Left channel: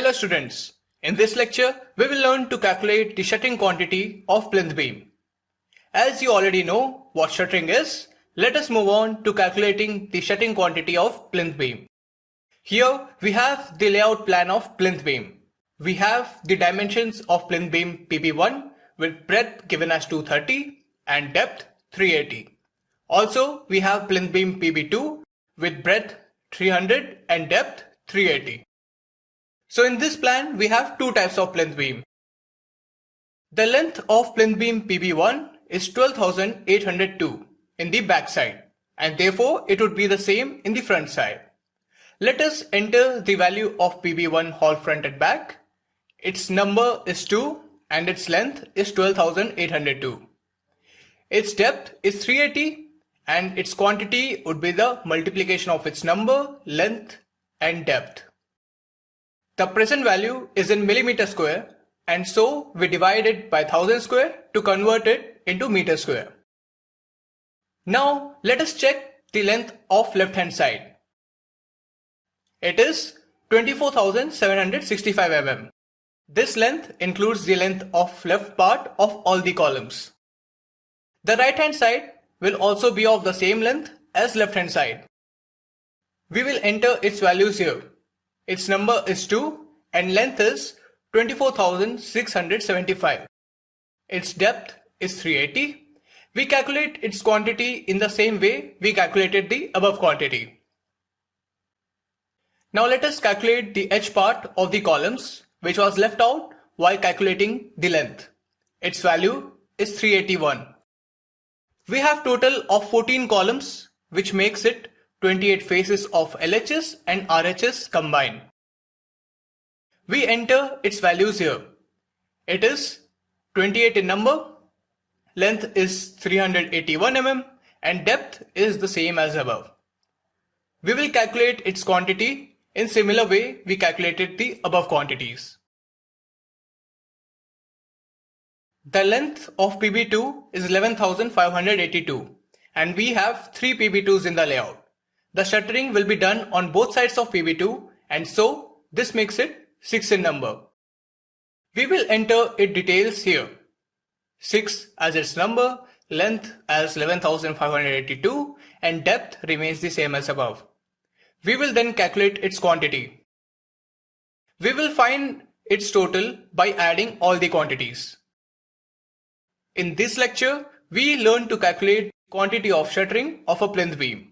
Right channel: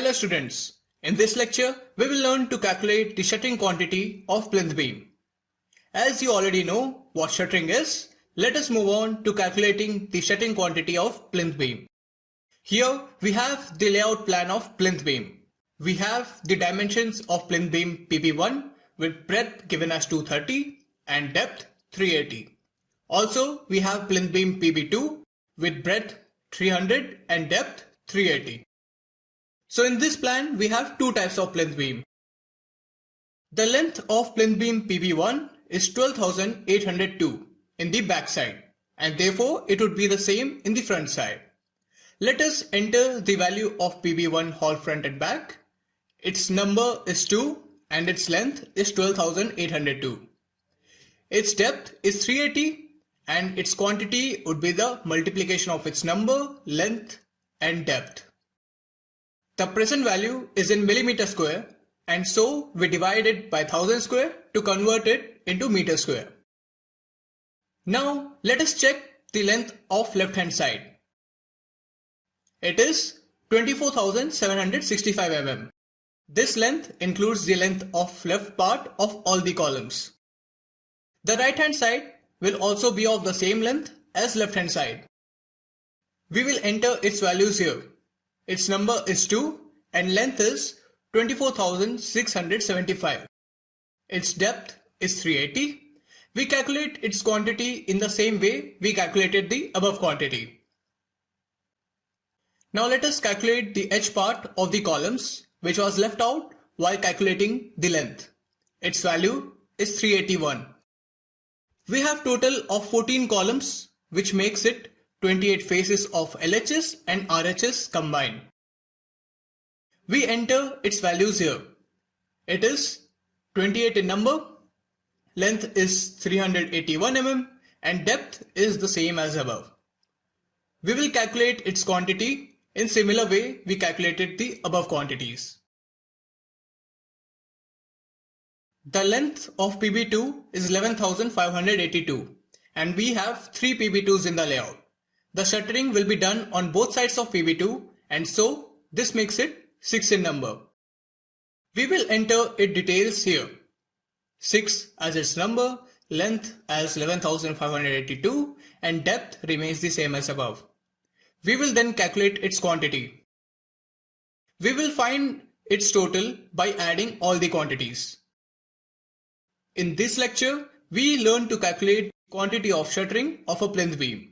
Hello students, in this lecture we will learn to calculate the shuttering quantity of plinth beam. As you already know what shuttering is, let us move on to calculating the shuttering quantity of plinth beam. Here we have the layout plan of plinth beam. We have the dimensions of plinth beam PB1 with breadth given as 230 and depth 380. Also we have plinth beam PB2 with breadth 300 and depth 380. So in this plan, we have two types of plinth beam. The length of plinth beam PB1 is 12,802 in the back side, and therefore it would be the same in the front side. Let us enter the value of PB1 whole front and back. Its number is 2 and its length is 12,802. Its depth is 380 and its quantity would be the multiplication of its number, length and depth. The present value is in millimeter square, and so we divide it by 1000 square to convert it into meter square. Now let us check the length of left hand side. It is 24,765 mm. This length includes the length of left part of all the columns. The right hand side will also be of the same length as left hand side. We will enter its values here. Its number is 2 and length is 24,675. Its depth is 380. We calculate its quantity in the same way we calculated the above quantity. Now let us calculate the edge part of the columns which was left out while calculating the length. Its value is 381. We have total of 14 columns which makes it 28 faces of LHS and RHS combined. We enter its values here. It is 28 in number, length is 381 mm and depth is the same as above. We will calculate its quantity in similar way we calculated the above quantities. The length of PB2 is 11,582 and we have 3 PB2s in the layout. The shuttering will be done on both sides of PB2 and so this makes it 6 in number. We will enter its details here. 6 as its number, length as 11,582 and depth remains the same as above. We will then calculate its quantity. We will find its total by adding all the quantities. In this lecture, we learn to calculate quantity of shuttering of a plinth beam.